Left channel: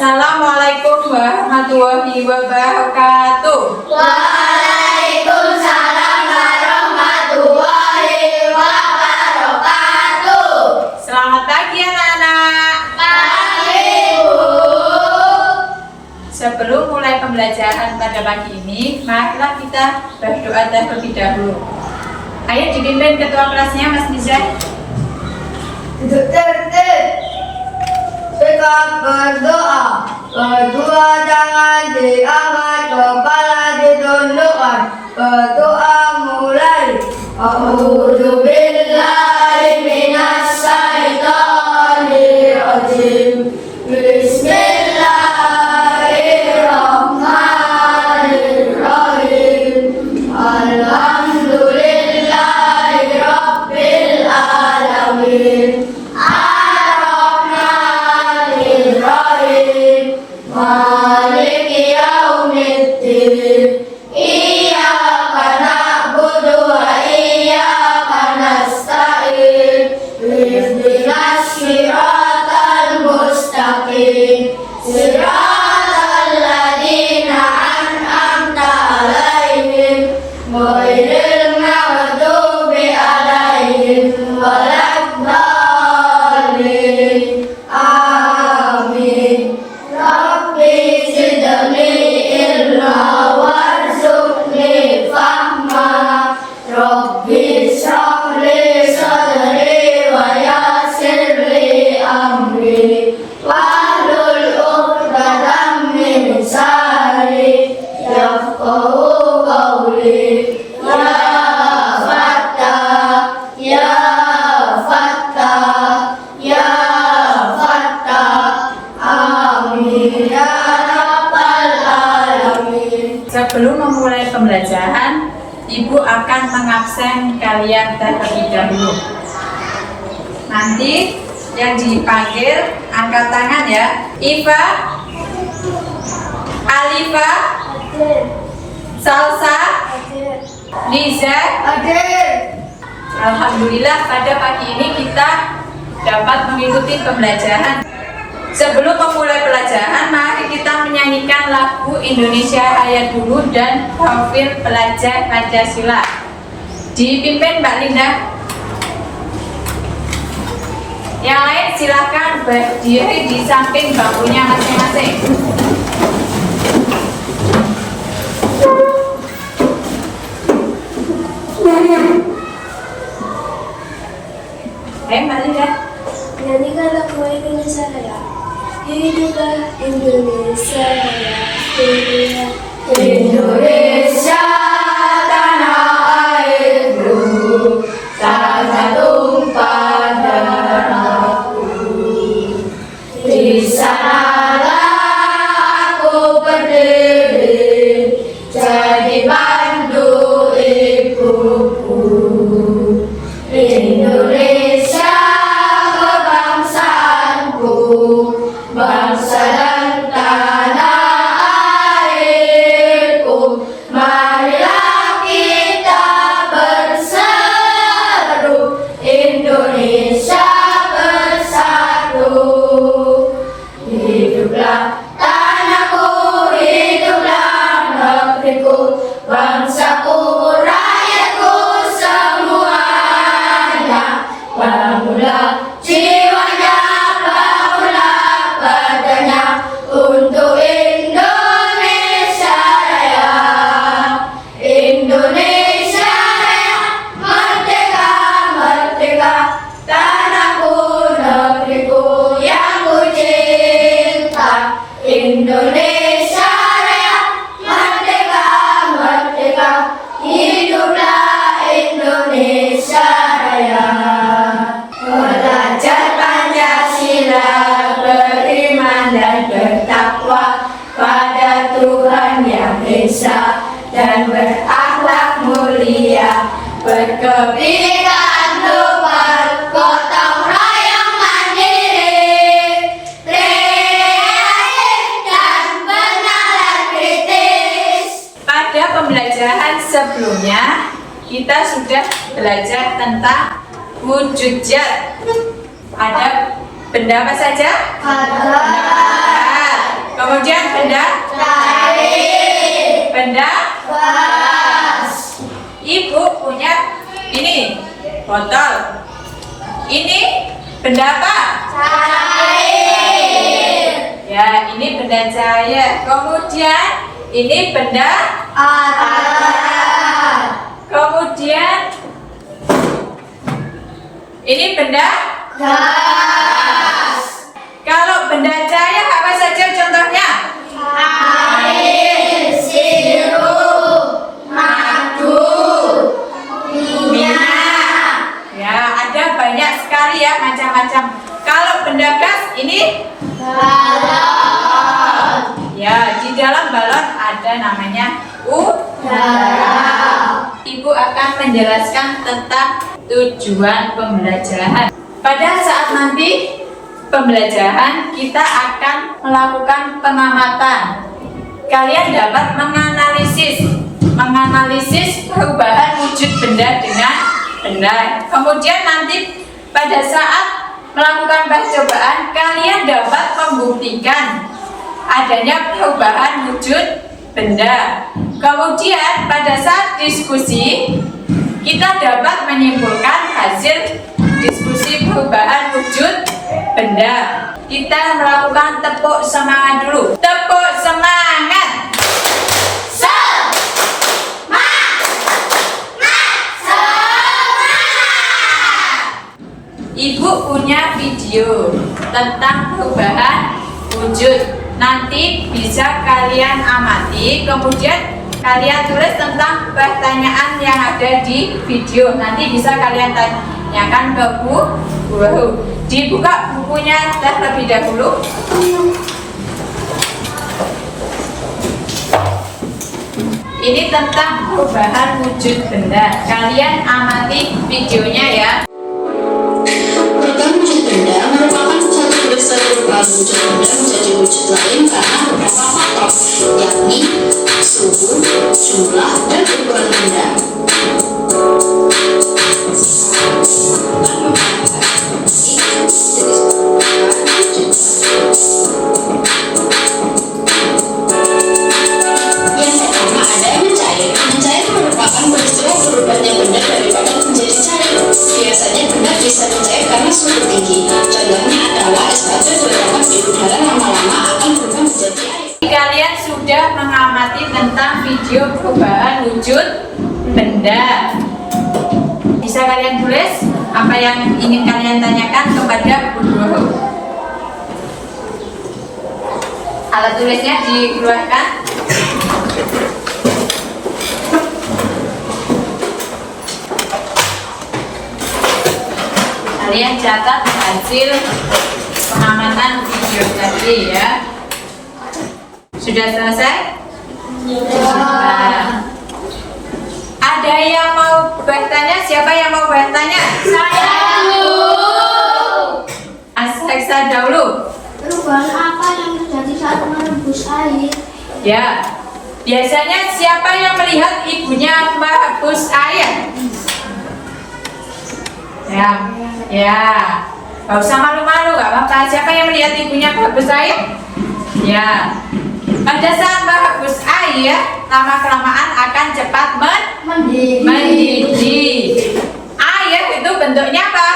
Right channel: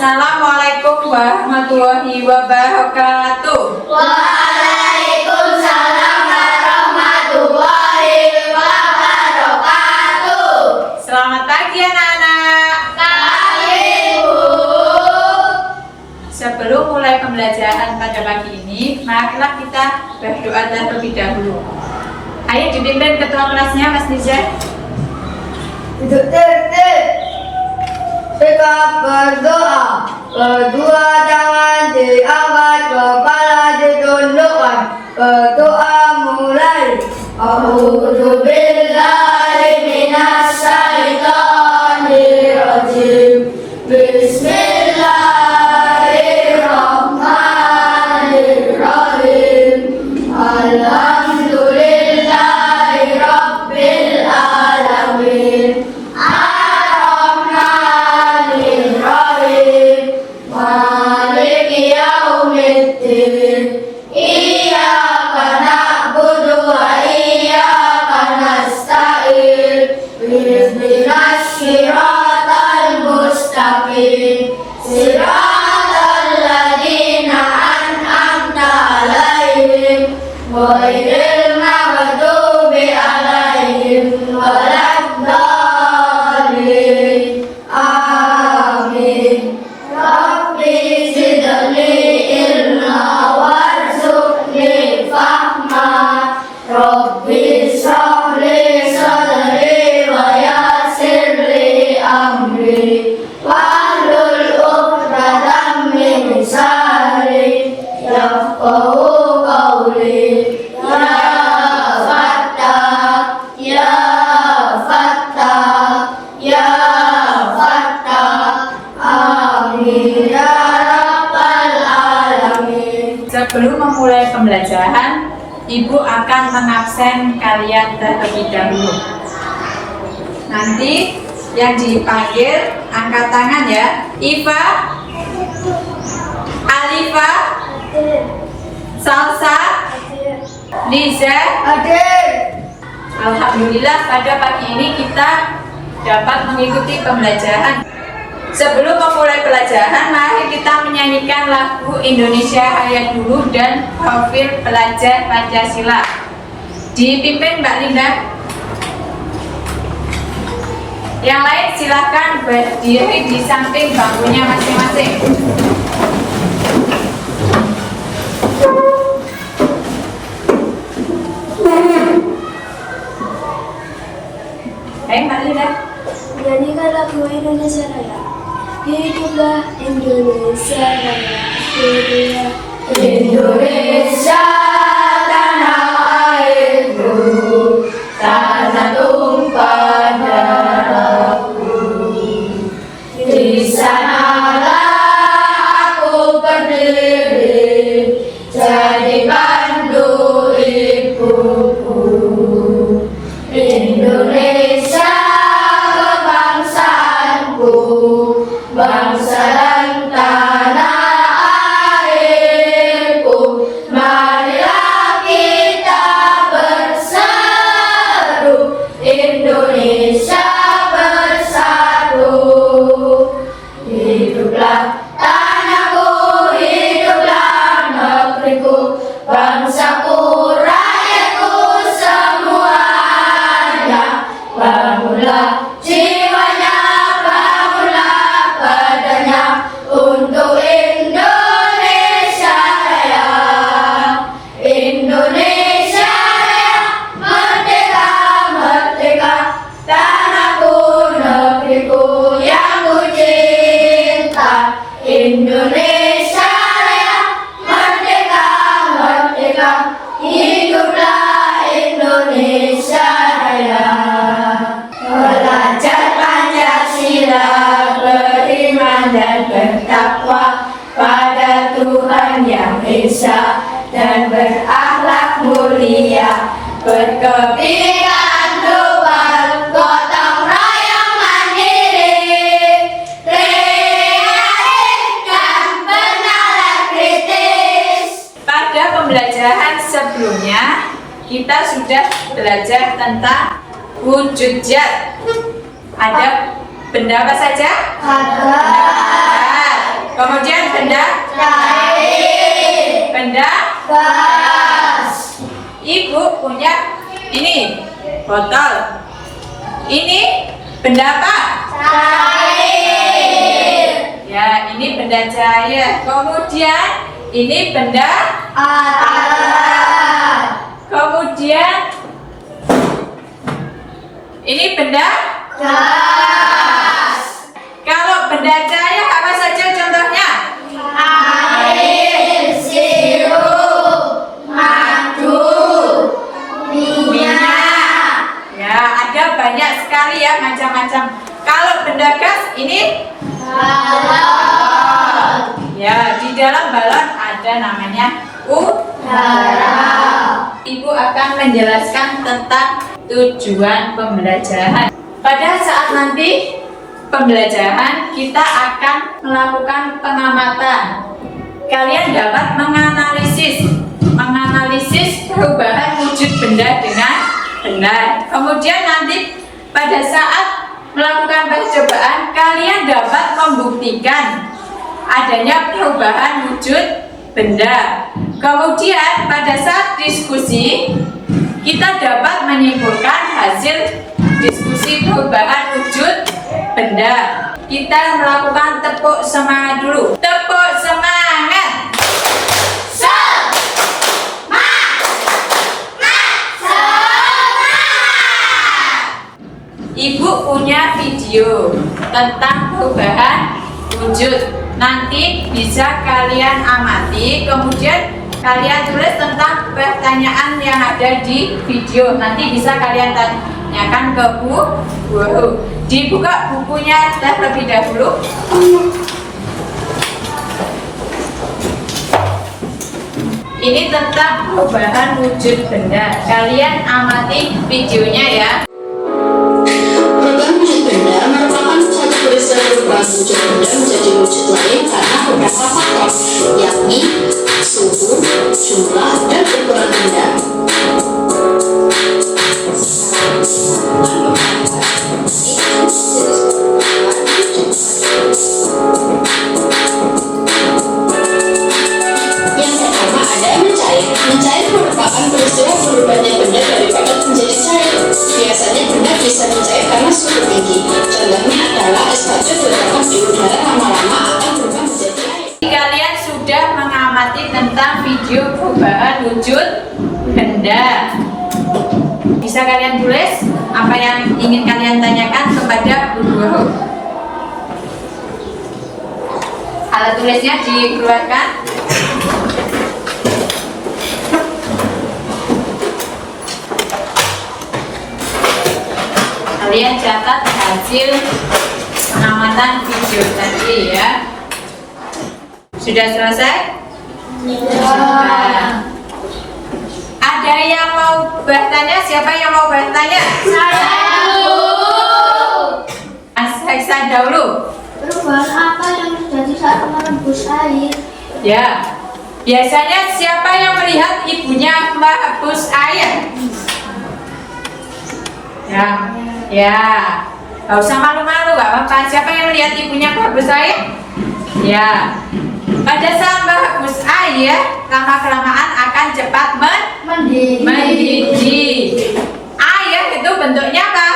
Assalamualaikum warahmatullahi wabarakatuh. Waalaikumsalam warahmatullahi wabarakatuh. Selamat pagi anak-anak. Pagi Bu. Sebelum mulai pembelajaran pada pagi ini, marilah kita berdoa terlebih dahulu. Ayo dipimpin ketua kelasnya Mas Nizar. Duduk tertib. Sikap berdoa. Kedua tangan diangkat, kepala ditundukkan. Berdoa mulai. A'udzu billahi minas syaitonir rajim. Bismillahirrahmanirrahim. Alhamdulillahi rabbil alamin. Maliki yaumiddin. Iyyaka na'budu wa iyyaka nasta'in. Ihdinas siratal mustaqim. Siratal ladzina an'amta 'alaihim ghairil maghdubi 'alaihim waladdallin. Amin. Rabbi zidni ilma warzuqni fahma. Rabbi shrah li sadri wa yassir li amri. Wahlul 'uqdatam min lisani yafqahu qawli. Ya Fattah, Ya Fattah, Ya Fattah. Amin ya rabbal alamin. Sebelum memulai pembelajaran, Ibu akan mengabsen kalian terlebih dahulu. Nanti yang dipanggil angkat tangan ya. Iva, Alifa, Salsa, Liza. Alhamdulillah pada pagi ini kita dapat mengikuti pembelajaran. Sebelum memulai pelajaran, mari kita menyanyikan lagu Indonesia Raya dulu dan profil pelajar Pancasila. Dipimpin Mbak Linda. Yang lain silahkan berdiri di samping bangkunya masing-masing. Mbak Linda. Nyanyikan lagu Indonesia Raya. Hiduplah Indonesia Raya, hiduplah Indonesia tanah airku, tanah tumpah darahku. Di sanalah aku berdiri, jadi pandu ibuku. Indonesia kebangsaanku, bangsa dan tanah airku. Marilah kita berseru, Indonesia bersatu. Hiduplah tanahku, hiduplah negeriku, bangsaku, rakyatku semuanya. Bangunlah jiwanya, bangunlah badannya untuk Indonesia Raya. Indonesia Raya, merdeka, merdeka, tanahku, negeriku yang ku cinta. Indonesia Raya, merdeka, merdeka, hiduplah Indonesia Raya. Belajar Pancasila, beriman dan bertakwa pada Tuhan Yang Esa, dan berakhlak mulia, berkebinekaan global, gotong royong mandiri, kreatif dan bernalar kritis. Pada pembelajaran sebelumnya, kita sudah belajar tentang wujud zat. Ada benda apa saja? Ada Kemudian benda cair, benda. gas, Ibu punya ini botol. Ini benda apa? cair, Ya, ini benda cair. Kemudian ini benda. alat, Kemudian ini benda. gas, Kalau benda cair apa saja contohnya? air, sirup, madu, minyak, Ya, ada banyak sekali ya macam-macam. Kalau benda gas ini balon, ya di dalam balon ada namanya udara. Ibu akan menjelaskan tentang tujuan pembelajaran. Pada saat nanti pembelajaran kita akan melakukan pengamatan. Kalian dapat menganalisis perubahan wujud benda dengan benar. Kemudian nanti pada saat melakukan percobaan kalian dapat membuktikan adanya perubahan wujud benda. Kemudian pada saat diskusi kita dapat menyimpulkan hasil diskusi perubahan wujud benda. Kita melakukan tepuk semangat dulu. Tepuk semangat. Ibu punya video tentang perubahan wujud. Nanti bisa kalian amati, kemudian kalian tulis tentang pertanyaan yang ada di video. Nanti bisa kalian tanyakan ke Bu Guru. Dibuka bukunya terlebih dahulu. Ini tentang perubahan wujud benda. Kalian amati videonya ya. Perubahan wujud benda merupakan suatu peristiwa perubahan wujud benda menjadi wujud lain karena beberapa faktor, yakni suhu, jumlah, dan ukuran benda. Yang pertama ada mencair. Mencair merupakan peristiwa berubahnya benda dari padat menjadi cair. Biasanya benda bisa mencair karena suhu tinggi. Contohnya adalah es batu diletakkan di udara lama-lama akan berubah menjadi air. Kalian sudah mengamati tentang video perubahan wujud benda. Bisa kalian tulis apa yang ingin kalian tanyakan kepada Bu Guru. Alat tulisnya dikeluarkan. Kalian catat hasil pengamatan video tadi ya. Sudah selesai? Sudah. Ada yang mau bertanya? Siapa yang mau bertanya? Saya Bu. Mas Heksa dahulu. Perubahan apa yang terjadi saat merebus air? Ya. Biasanya siapa yang melihat ibunya merebus air? Ya. Ya. Gak usah malu-malu, gak apa-apa. Siapa yang melihat ibunya merebus air? Ya. Pada saat merebus air, lama-kelamaan akan cepat mendidih. Air itu bentuknya apa?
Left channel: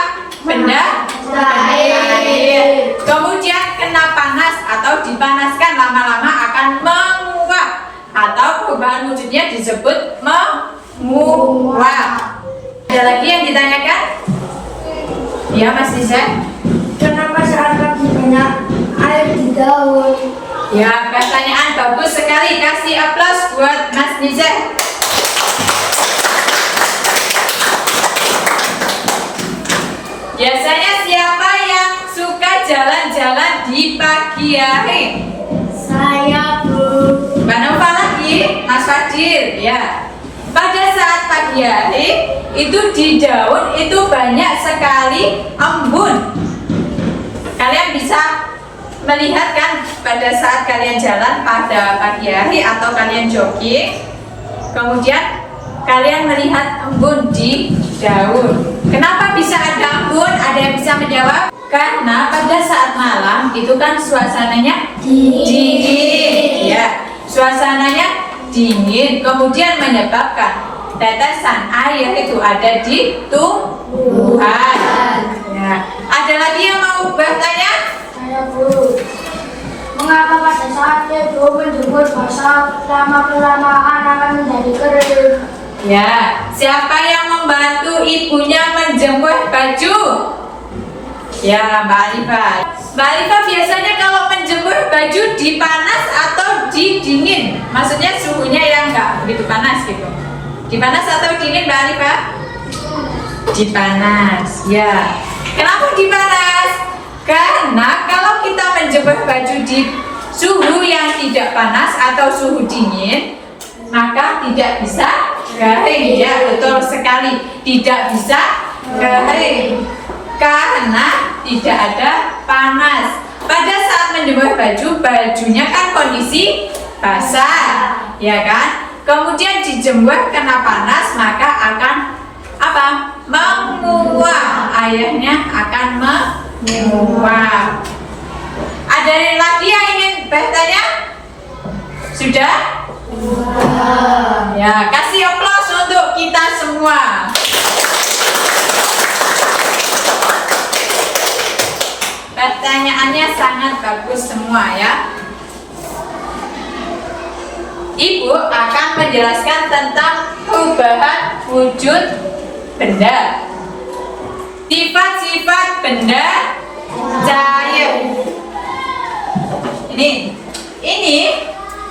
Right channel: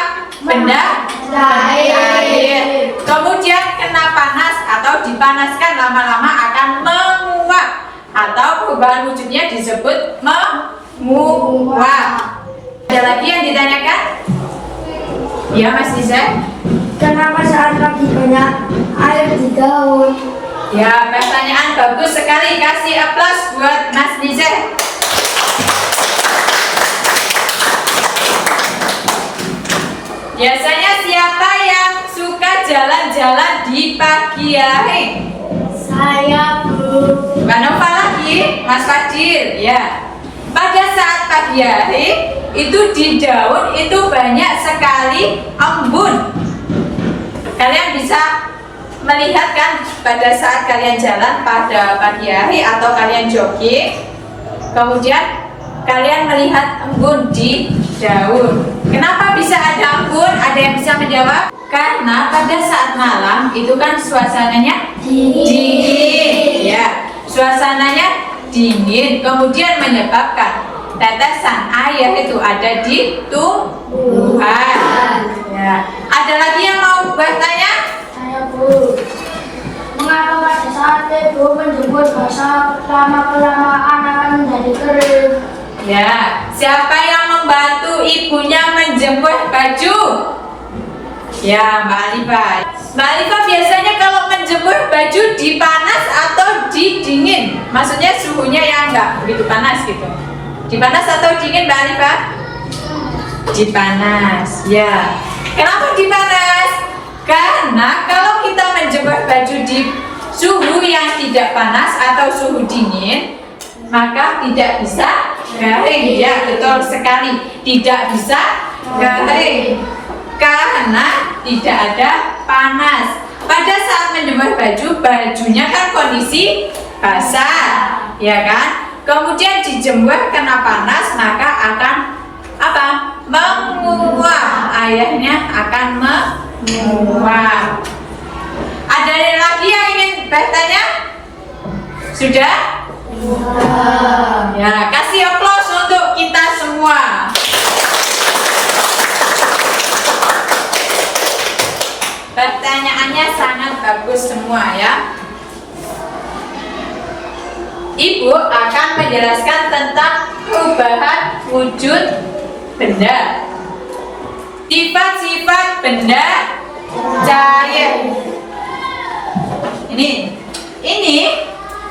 Benda Cair. Kemudian kena panas atau dipanaskan lama-lama akan menguap atau perubahan wujudnya disebut menguap. Ada lagi yang ditanyakan? Ya Mas Nisa. Kenapa saat lagi banyak air di daun? Ya, pertanyaan bagus sekali. Kasih aplaus buat Mas Nisa. Biasanya siapa yang suka jalan-jalan di pagi hari? Saya Bu. Mbak Nova lagi, Mas Fadil, ya. Pada saat pagi hari itu di daun itu banyak sekali embun. Kalian bisa melihat kan pada saat kalian jalan pada pagi hari atau kalian jogging, kemudian kalian melihat embun di daun. Kenapa bisa ada embun? Ada yang bisa menjawab? Karena pada saat malam itu kan suasananya dingin, ya. Suasananya dingin, kemudian menyebabkan tetesan air itu ada di tumbuhan. Ya. Ada lagi yang mau bertanya? Saya Bu, mengapa pada saat ibu menjemur basah lama-kelamaan akan menjadi kering? Ya, siapa yang membantu ibunya menjemur baju? Ya, Mbak Alifa. Mbak Alifa biasanya kalau menjemur baju di panas atau di dingin? Maksudnya suhunya yang enggak begitu panas gitu. Di panas atau dingin, Mbak Alifa? Di panas, ya. Kenapa di panas? Karena kalau kita menjemur baju di suhu yang tidak panas atau suhu dingin, maka tidak bisa kering. Ya, betul sekali. Tidak bisa kering karena tidak ada panas. Pada saat menjemur baju, bajunya kan kondisi basah, ya kan? Kemudian dijemur kena panas, maka akan apa? Menguap. Airnya akan menguap. Ada lagi yang ingin bertanya? Sudah? Ya, kasih aplaus untuk kita semua. Pertanyaannya sangat bagus semua ya. Ibu akan menjelaskan tentang perubahan wujud benda. Sifat-sifat benda cair.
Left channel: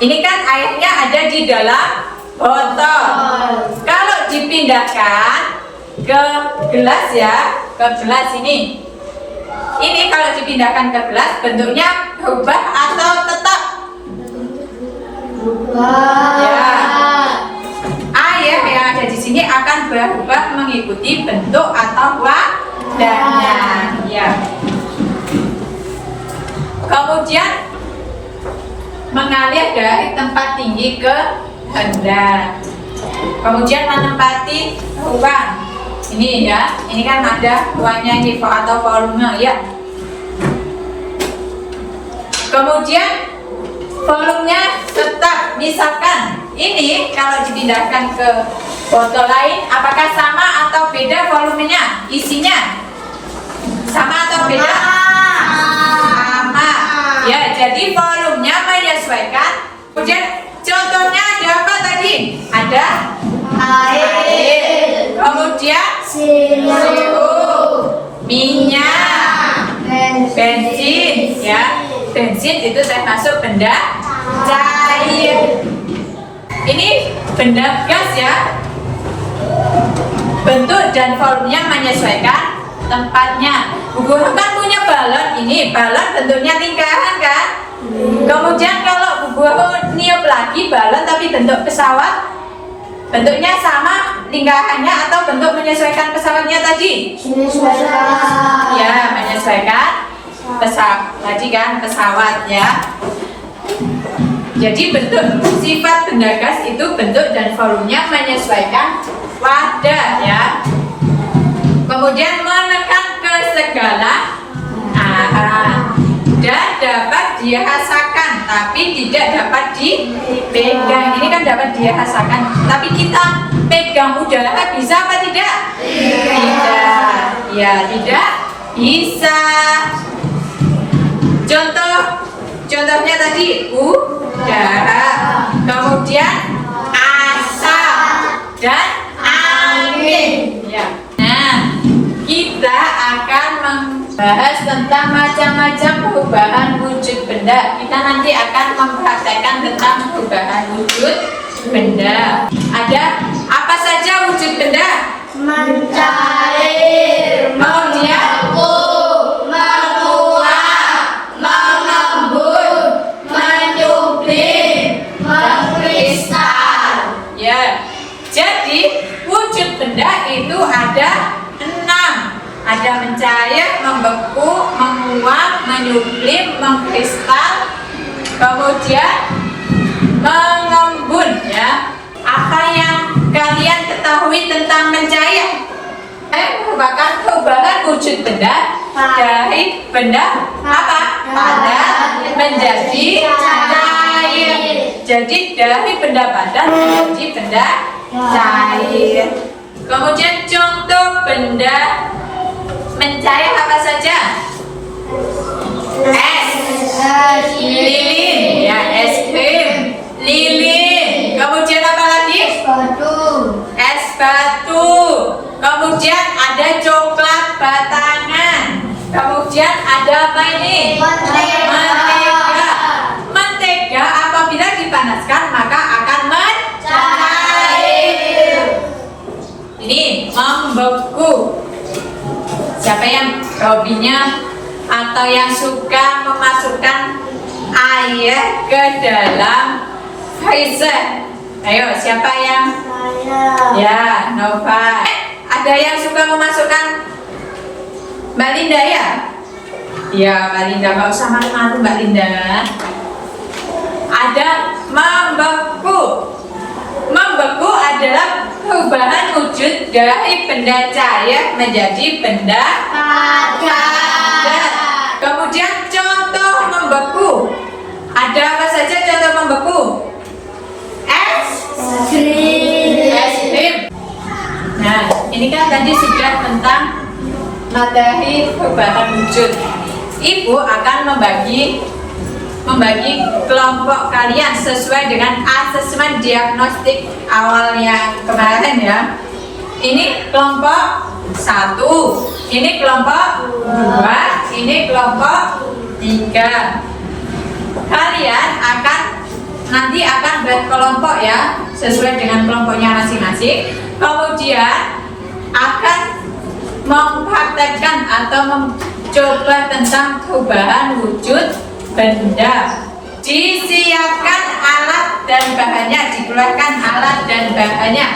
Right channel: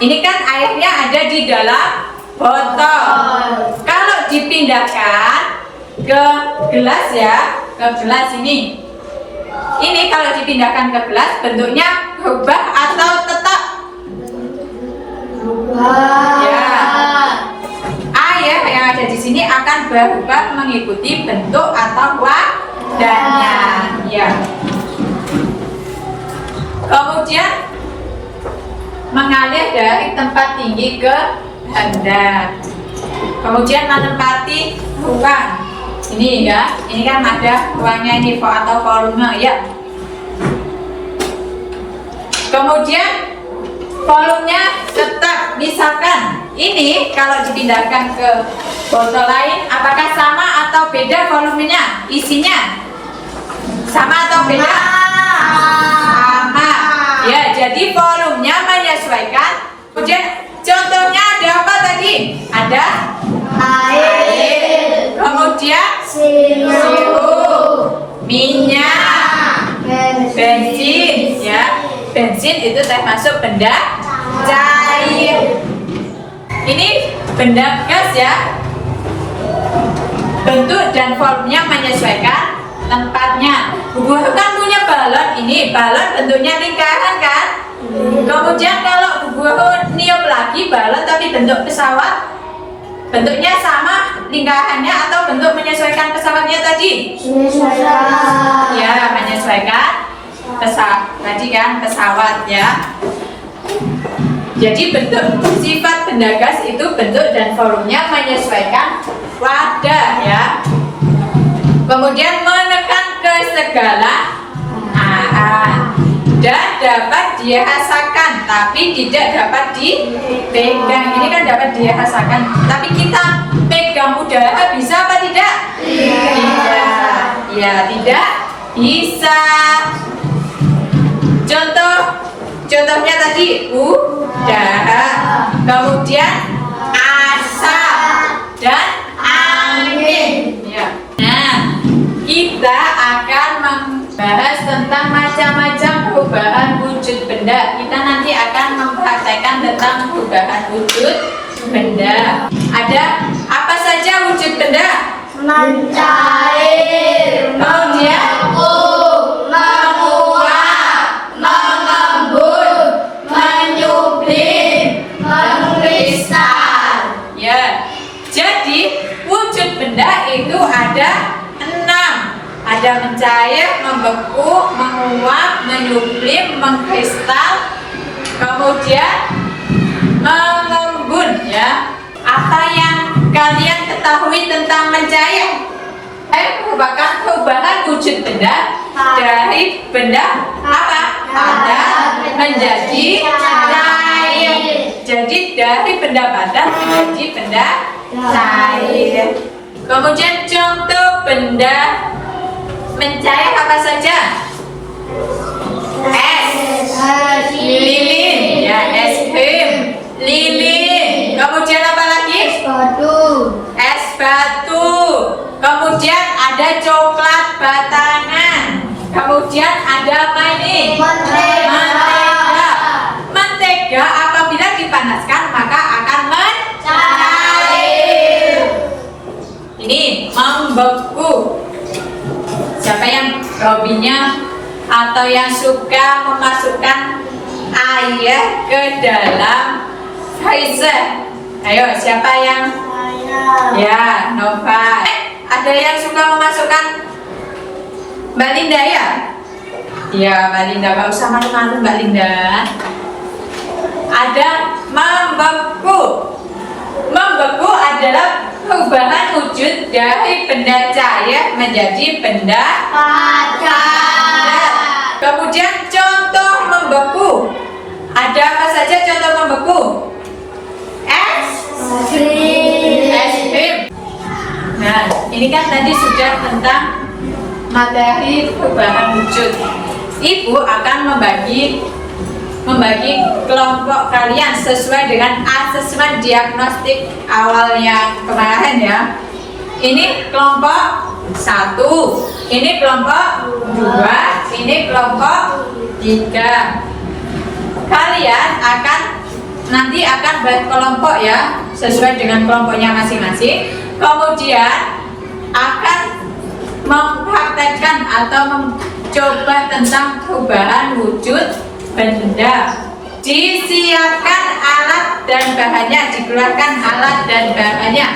Ini kan airnya ada di dalam botol. Kalau dipindahkan ke gelas ya, ke gelas ini. Ini kalau dipindahkan ke gelas bentuknya berubah atau tetap? Ya. Air yang ada di sini akan berubah mengikuti bentuk atau wadahnya. Ya. Kemudian mengalir dari tempat tinggi ke rendah. Kemudian menempati ruang. Ini ya, ini kan ada ruangnya ini atau volume ya. Kemudian volumenya tetap, misalkan ini kalau dipindahkan ke botol lain, apakah sama atau beda volumenya, isinya? Sama atau beda? Sama. Ya, jadi volumenya menyesuaikan. Kemudian contohnya ada apa tadi? Ada air. Kemudian minyak, bensin, ya. Bensin itu termasuk benda cair. Ini benda gas ya. Bentuk dan volumenya menyesuaikan tempatnya. Buku kan punya balon, ini balon bentuknya lingkaran kan. Kemudian kalau buku niup lagi balon tapi bentuk pesawat, bentuknya sama lingkarannya atau bentuk menyesuaikan pesawatnya tadi? Menyesuaikan. Ya, menyesuaikan pesawat tadi kan, pesawat ya. Jadi bentuk sifat benda gas itu bentuk dan volumenya menyesuaikan wadah ya. Kemudian menekan ke segala arah dan dapat dirasakan tapi tidak dapat dipegang. Ini kan dapat dirasakan, tapi kita pegang udara bisa apa tidak? Tidak. Ya, tidak bisa. Contohnya tadi udara, kemudian asap dan angin. Ya. Nah, kita akan membahas tentang macam-macam perubahan wujud benda. Kita nanti akan mempraktekkan tentang perubahan wujud benda. Ada apa saja wujud benda? Mencair, Kemudian menguap, mengembun, menyublim, mengkristal. ya. Jadi wujud benda itu ada 6. Ada mencair, membeku, menguap, menyublim, mengkristal, kemudian mengembun ya. Apa yang kalian ketahui tentang mencair? merupakan perubahan wujud benda dari benda apa? Padat menjadi cair. Jadi dari benda padat menjadi benda cair. Kemudian contoh benda mencair apa saja? Es, lilin, ya es krim, lilin. Kemudian apa lagi? Es batu. Kemudian ada coklat batangan. Kemudian ada apa ini? Mentega. Mentega apabila dipanaskan maka akan mencair. Ini membeku. Siapa yang hobinya atau yang suka memasukkan air ke dalam freezer? Ayo, siapa yang? Ya, Nova. Ada yang suka memasukkan? Mbak Linda ya? Ya, Mbak Linda, nggak usah malu-malu Mbak Linda. Ada membeku. Membeku adalah perubahan wujud dari benda cair menjadi benda padat. Kemudian contoh membeku. Ada apa saja contoh membeku? Es krim. Nah, ini kan tadi sudah tentang materi perubahan wujud. Ibu akan membagi kelompok kalian sesuai dengan asesmen diagnostik awal yang kemarin ya. Ini kelompok 1, ini kelompok 2, ini kelompok 3. Kalian nanti akan berkelompok ya, sesuai dengan kelompoknya masing-masing. Kemudian akan mempraktekkan atau mencoba tentang perubahan wujud benda. Disiapkan alat dan bahannya, dikeluarkan alat dan bahannya.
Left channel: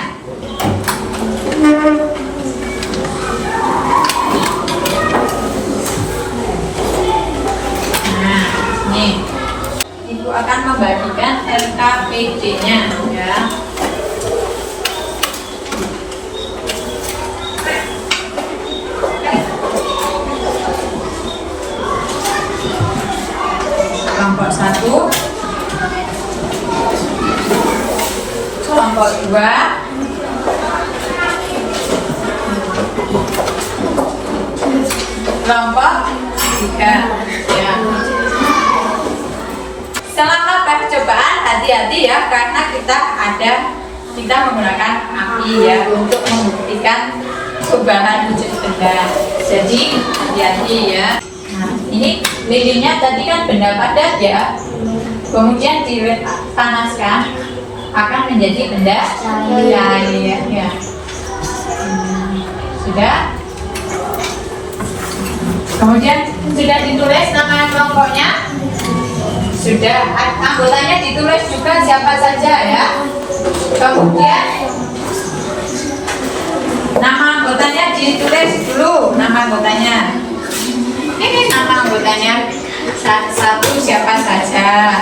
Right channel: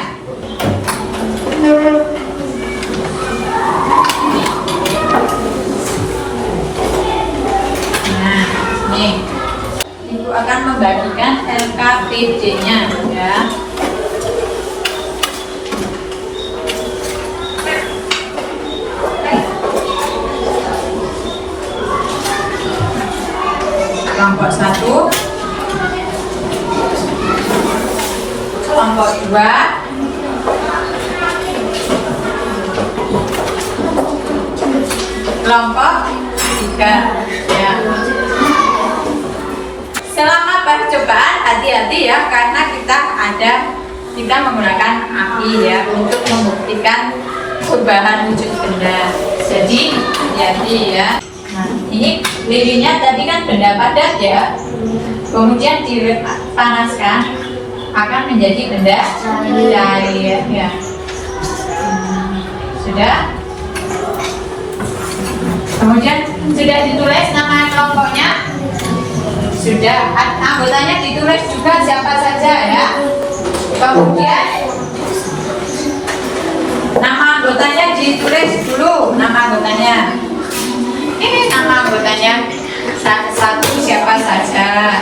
Nah, nih. Ibu akan membagikan LKPD-nya ya. Kelompok 1, kelompok 2, kelompok 3 ya. Selama percobaan hati-hati ya, karena kita menggunakan api ya untuk membuktikan perubahan wujud benda. Jadi hati-hati ya. Nah, ini lilinnya tadi kan benda padat ya. Kemudian dipanaskan akan menjadi benda cair ya. Sudah? Kemudian sudah ditulis nama kelompoknya? Sudah. Anggotanya ditulis juga siapa saja ya. Kemudian nama anggotanya ditulis dulu, nama anggotanya. Ini nama anggotanya satu siapa saja.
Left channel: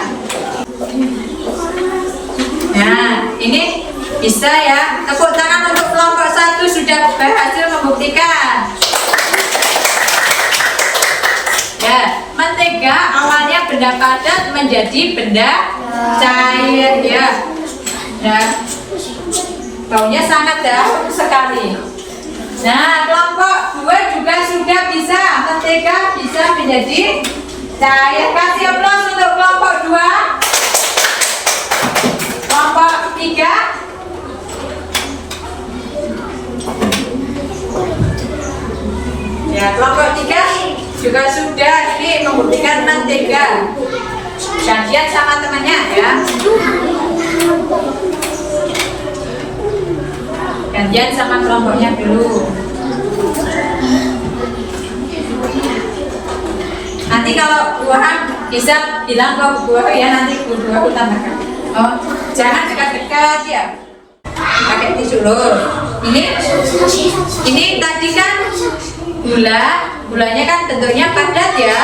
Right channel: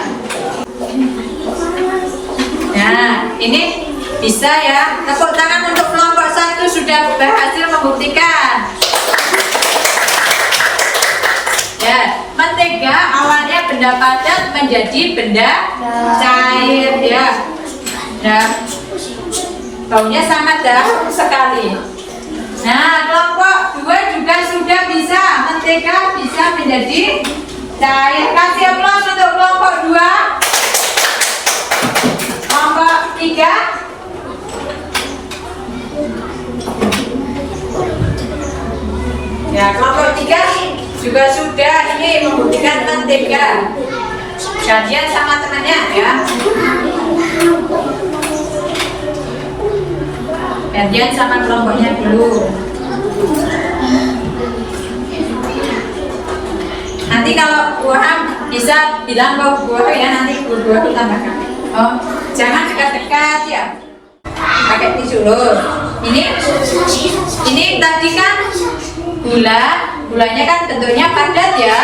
Nah, ini bisa ya. Tepuk tangan untuk kelompok 1 sudah berhasil membuktikan. Ya, mentega awalnya benda padat menjadi benda cair ya. Ya. Baunya sangat dahsyat sekali. Nah, kelompok 2 juga sudah bisa, mentega bisa menjadi cair. Kasih aplaus untuk kelompok 2. Kelompok 3. Ya, kelompok 3 juga sudah ini membuktikan mentega. Gantian sama temannya ya. Gantian sama kelompoknya dulu. Nanti kalau buahan bisa bilang ke buah ya, nanti buah tambahkan. Oh, jangan dekat-dekat ya. Pakai tisu lur. Ini tadi kan gulanya kan bentuknya padat ya.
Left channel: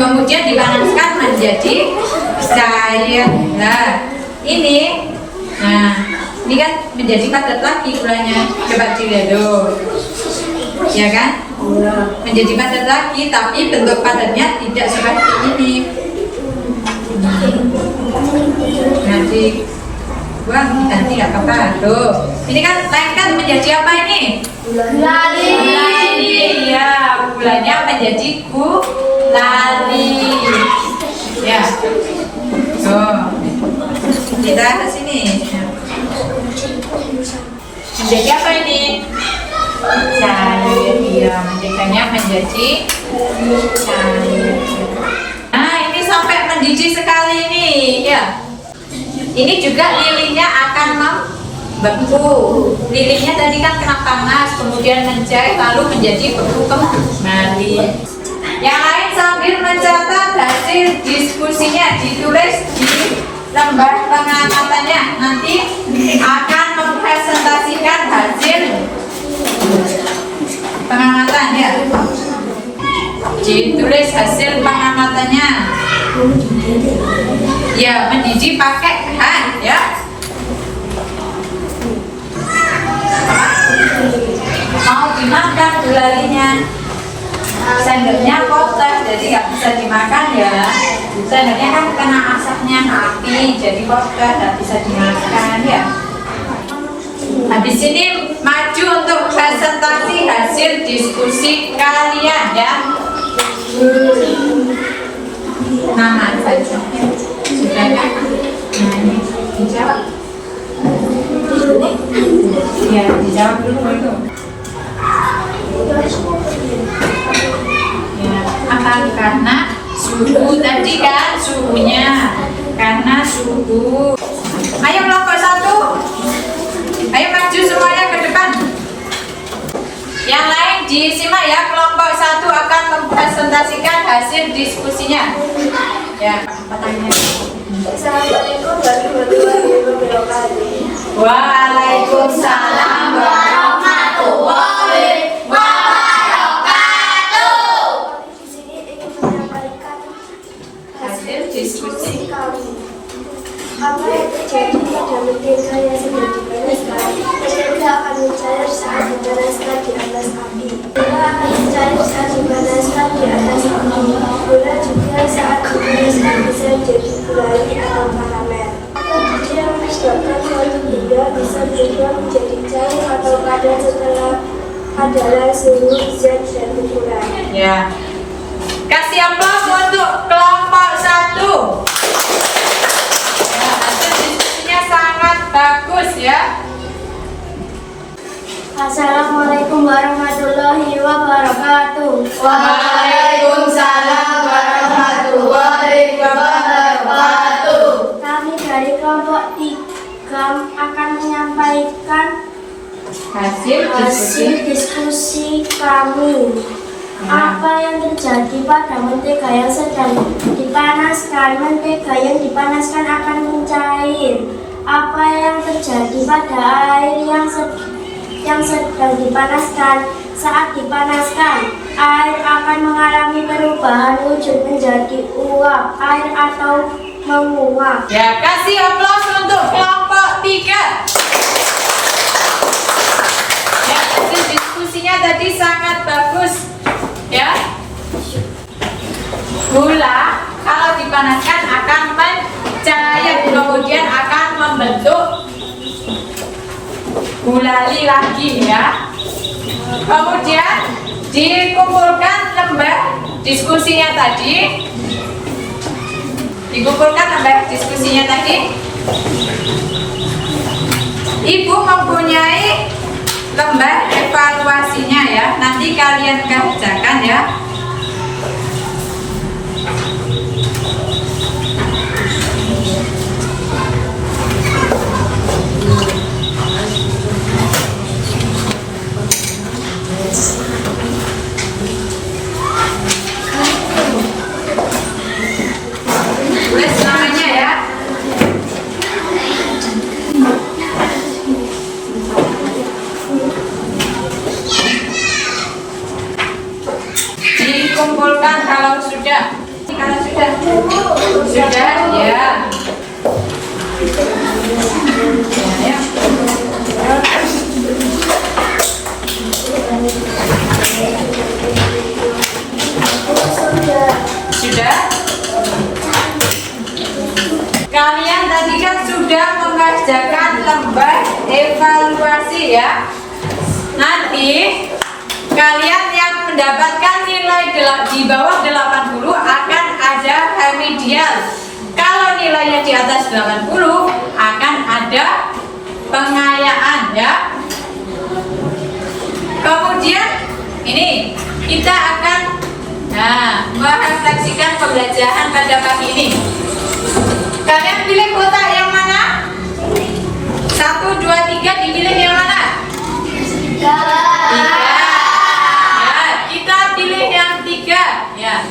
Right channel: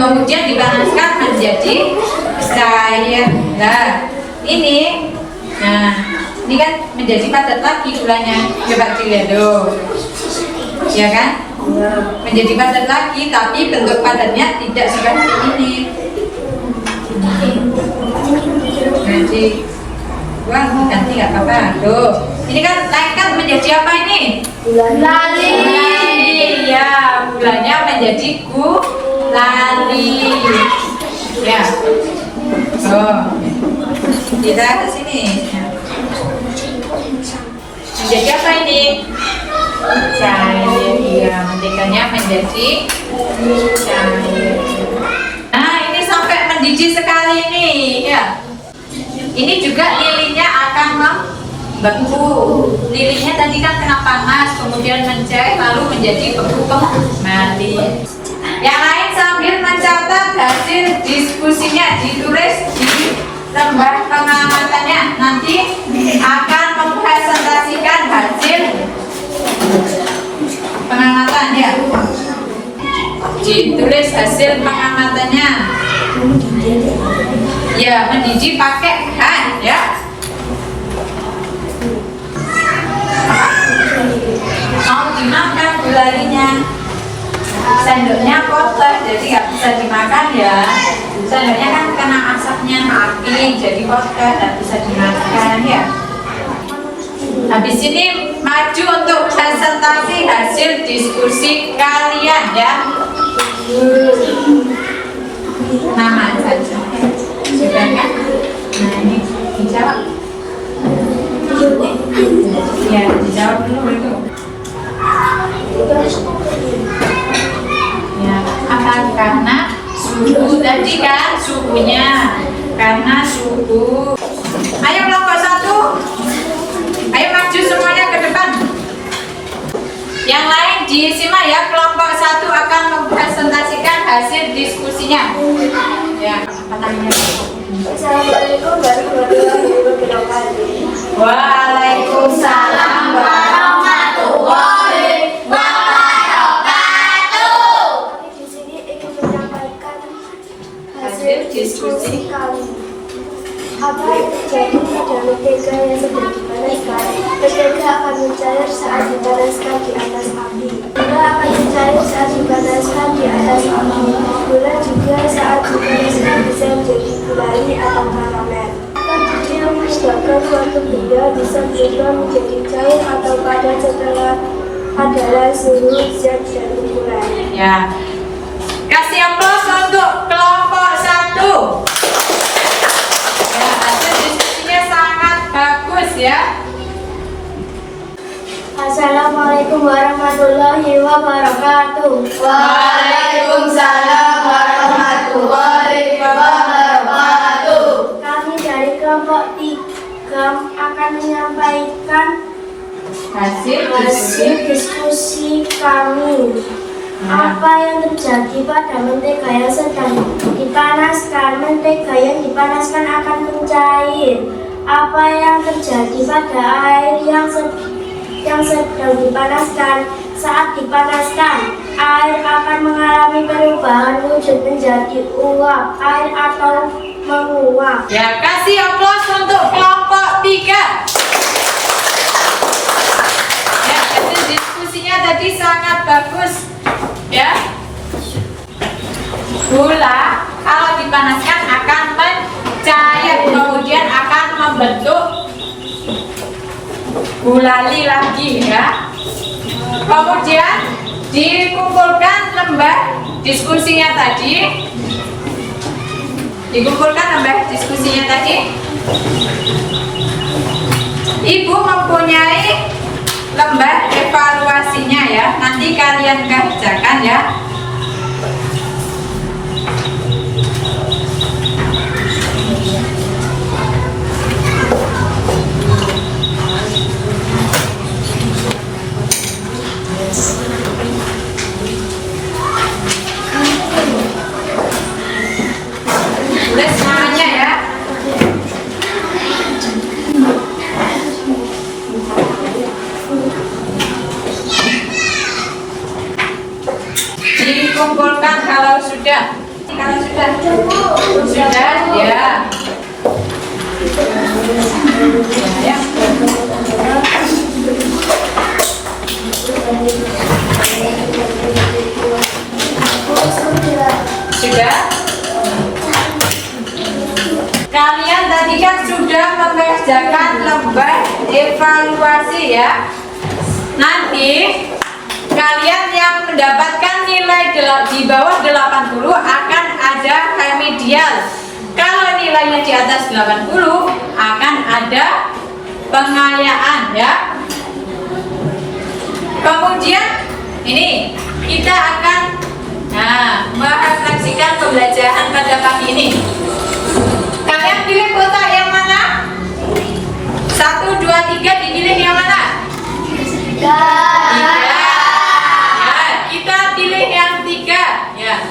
Kemudian dipanaskan menjadi cair. Nah, ini kan menjadi padat lagi gulanya. Coba dilihat dong. ya kan? Menjadi padat lagi, tapi bentuk padatnya tidak seperti ini. Jadi buang ganti nggak apa-apa. Aduh, ini kan naik kan menjadi apa ini? Gulali. Ya, gulanya menjadi gulali. Ya. Oh, kita ke sini. Menjadi apa ini? Cair. Ya, menjadikannya menjadi cair. Nah, ini sampai mendidih sekali ini, ya. Ini juga lilinnya akan membeku. Lilinnya tadi kan kena panas, kemudian mencair, lalu menjadi beku kembali. Yang lain sambil mencatat hasil diskusinya, ditulis di lembar pengamatannya. Nanti akan mempresentasikan hasil pengamatan ya. Ditulis hasil pengamatannya. Ya, mendidih pakai hand ya. Mau dimakan gulalinya, sendoknya kotor jadi nggak bisa dimakan ya. Sendoknya kan kena asapnya api jadi kotor, nggak bisa dimakan ya. Habis ini maju untuk presentasi hasil diskusi kalian ya. Nama saja. Sudah kan? Nah, ini dijawab. Ya, dijawab dulu itu. Ya, apa karena suhu tadi kan suhunya. Karena suhu. Ayo kelompok 1. Ayo maju semuanya ke depan. Yang lain disimak ya, kelompok 1 akan mempresentasikan hasil diskusinya. Ya, pertanyaan. Assalamualaikum warahmatullahi wabarakatuh. Waalaikumsalam warahmatullahi wabarakatuh. Di sini ingin menyampaikan hasil diskusi kami. Apa yang terjadi pada mentega yang sedang dipanaskan? Mentega akan mencair saat dipanaskan di atas api. Gula akan mencair saat dipanaskan di atas api. Gula juga saat dipanaskan bisa menjadi gulali atau karamel. Yang menyebabkan suatu benda bisa berubah menjadi cair atau padat setelah adalah suhu, zat, dan ukuran. Ya. Kasih aplaus untuk kelompok 1. Ya, hasil diskusinya sangat bagus ya. Assalamualaikum warahmatullahi wabarakatuh. Waalaikumsalam warahmatullahi wabarakatuh. Kami dari kelompok 3 akan menyampaikan hasil diskusi kami. Apa yang terjadi pada mentega yang sedang dipanaskan? Mentega yang dipanaskan akan mencair. Apa yang terjadi pada air yang sedang dipanaskan? Saat dipanaskan, air akan mengalami perubahan wujud menjadi uap, air atau menguap. Ya, kasih aplaus untuk kelompok 3. Ya, hasil diskusinya tadi sangat bagus. Ya. Gula kalau dipanaskan akan mencair, kemudian akan membentuk gulali lagi ya. Kemudian dikumpulkan lembar diskusinya tadi. Ibu mempunyai lembar evaluasinya ya. Nanti kalian kerjakan ya. Tulis namanya ya. Dikumpulkan kalau sudah. Sudah ya. Ya. Sudah? Kalian tadi kan sudah mengerjakan lembar evaluasi ya. Nanti kalian yang mendapatkan nilai di bawah 80 akan ada remedial. Kalau nilainya di atas 80 akan ada pengayaan ya. Kemudian ini kita akan merefleksikan pembelajaran pada pagi ini. Kalian pilih kotak yang mana? 1, 2, 3 dipilih yang mana? 3. Ya, kita pilih yang 3 ya.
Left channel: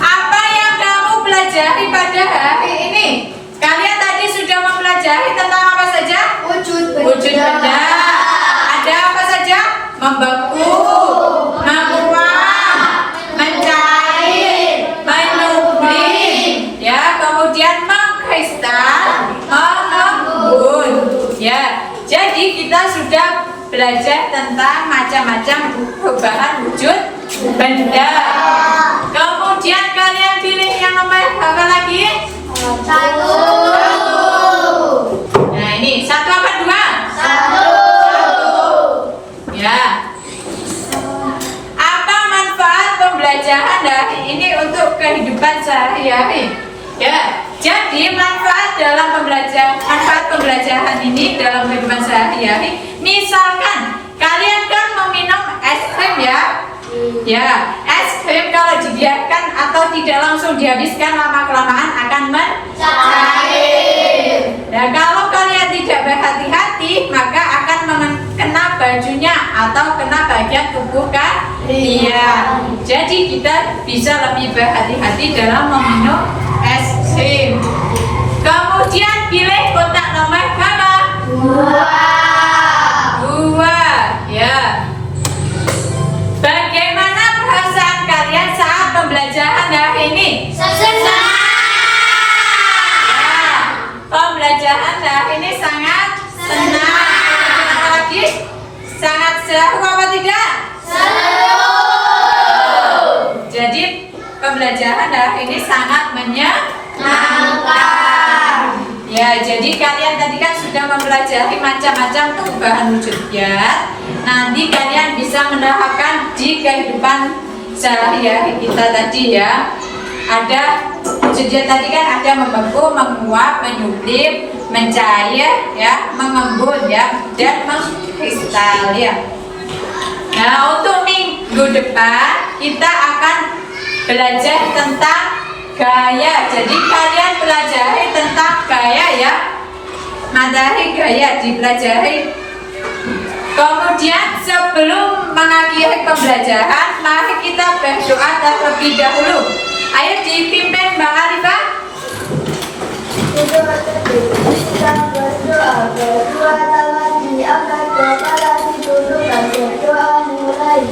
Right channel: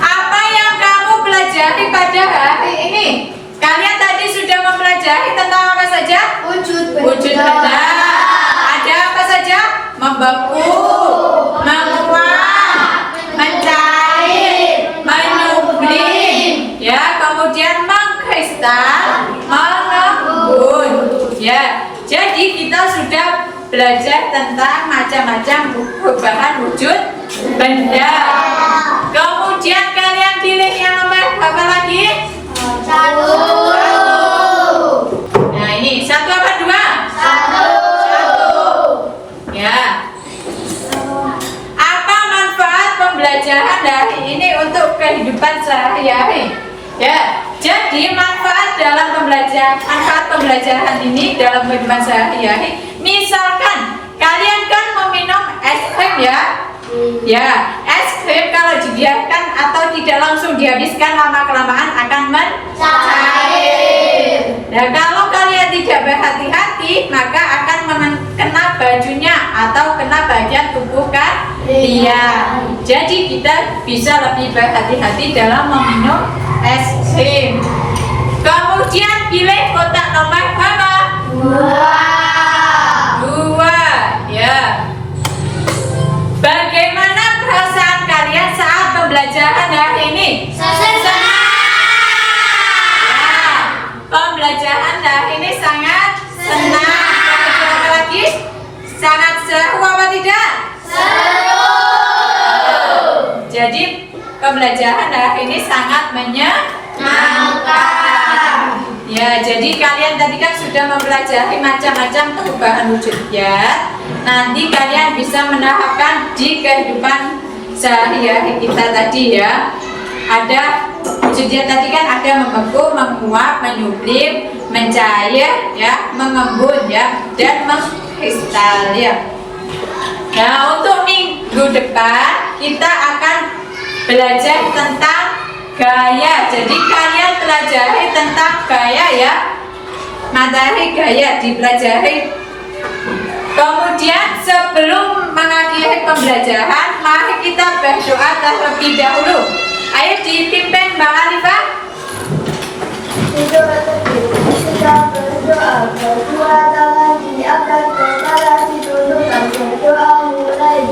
Apa yang kamu pelajari pada hari ini? Kalian tadi sudah mempelajari tentang apa saja? Wujud benda. Ada apa saja? Membeku, menguap, mencair, menyublim, ya, kemudian mengkristal, mengembun, ya. Jadi kita sudah belajar tentang macam-macam perubahan wujud benda. Kemudian kalian pilih yang nomor apa lagi? 1. Nah ini 1 apa 2? 1. Ya. Apa manfaat pembelajaran hari ini untuk kehidupan sehari-hari? Ya. Jadi manfaat pembelajaran ini dalam kehidupan sehari-hari. Misalkan kalian kan meminum es krim ya. Ya, es krim kalau dibiarkan atau tidak langsung dihabiskan lama-kelamaan akan mencair. Nah, kalau kalian tidak berhati-hati maka akan kena bajunya atau kena bagian tubuh kalian. Jadi kita bisa lebih berhati-hati dalam meminum es krim. Kemudian pilih kotak nomor berapa? 2. Ya. Bagaimana perasaan kalian saat pembelajaran hari ini? Senang. Pembelajaran hari ini sangat senang. Apa lagi? Sangat seru apa tidak? Seru. Jadi pembelajaran hari ini sangat menyenangkan. Ya, jadi kalian tadi kan sudah mempelajari macam-macam perubahan wujudnya. Nanti kalian bisa menerapkan di kehidupan sehari-hari kita tadi ya. Ada wujudnya tadi kan ada membeku, menguap, menyublim, mencair, ya, mengembun ya, dan mengkristal ya. Nah, untuk minggu depan kita akan belajar tentang gaya. Jadi kalian pelajari tentang gaya ya. Materi gaya dipelajari. Kemudian sebelum mengakhiri pembelajaran, mari kita berdoa terlebih dahulu. Ayo dipimpin Mbak Alifah. Sedang berdoa berdua tangan diangkat kepala dituduh dan berdoa mulai.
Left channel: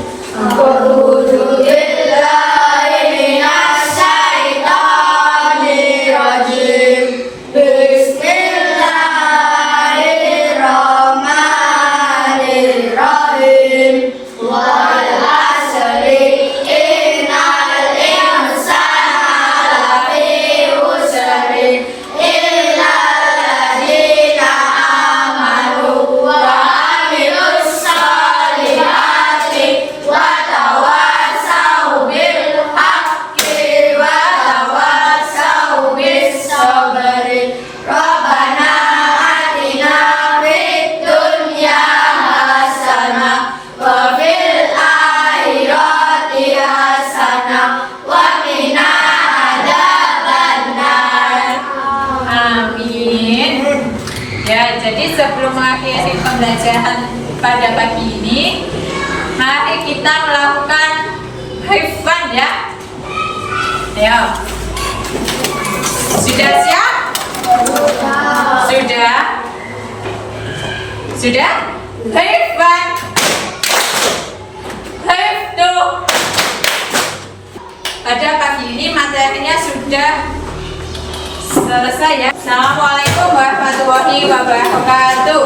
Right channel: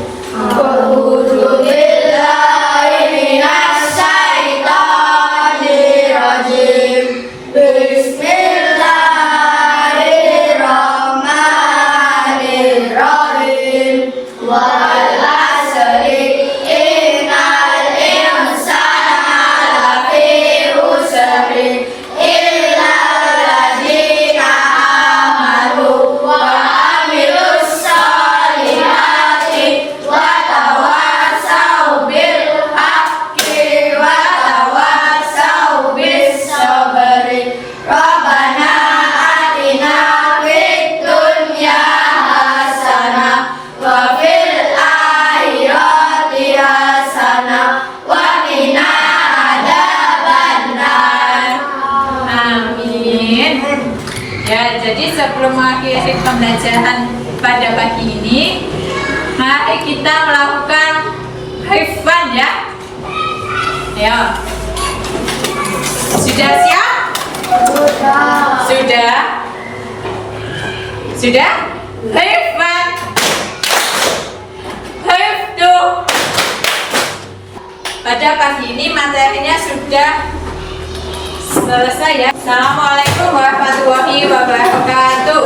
Jadi sebelum mengakhiri pembelajaran pada pagi ini, mari kita melakukan hifdzan ya. Ya. Sudah siap? Sudah. Sudah? Hifdzan. Hifdzu. Pada pagi ini materinya sudah selesai ya. Assalamualaikum warahmatullahi wabarakatuh.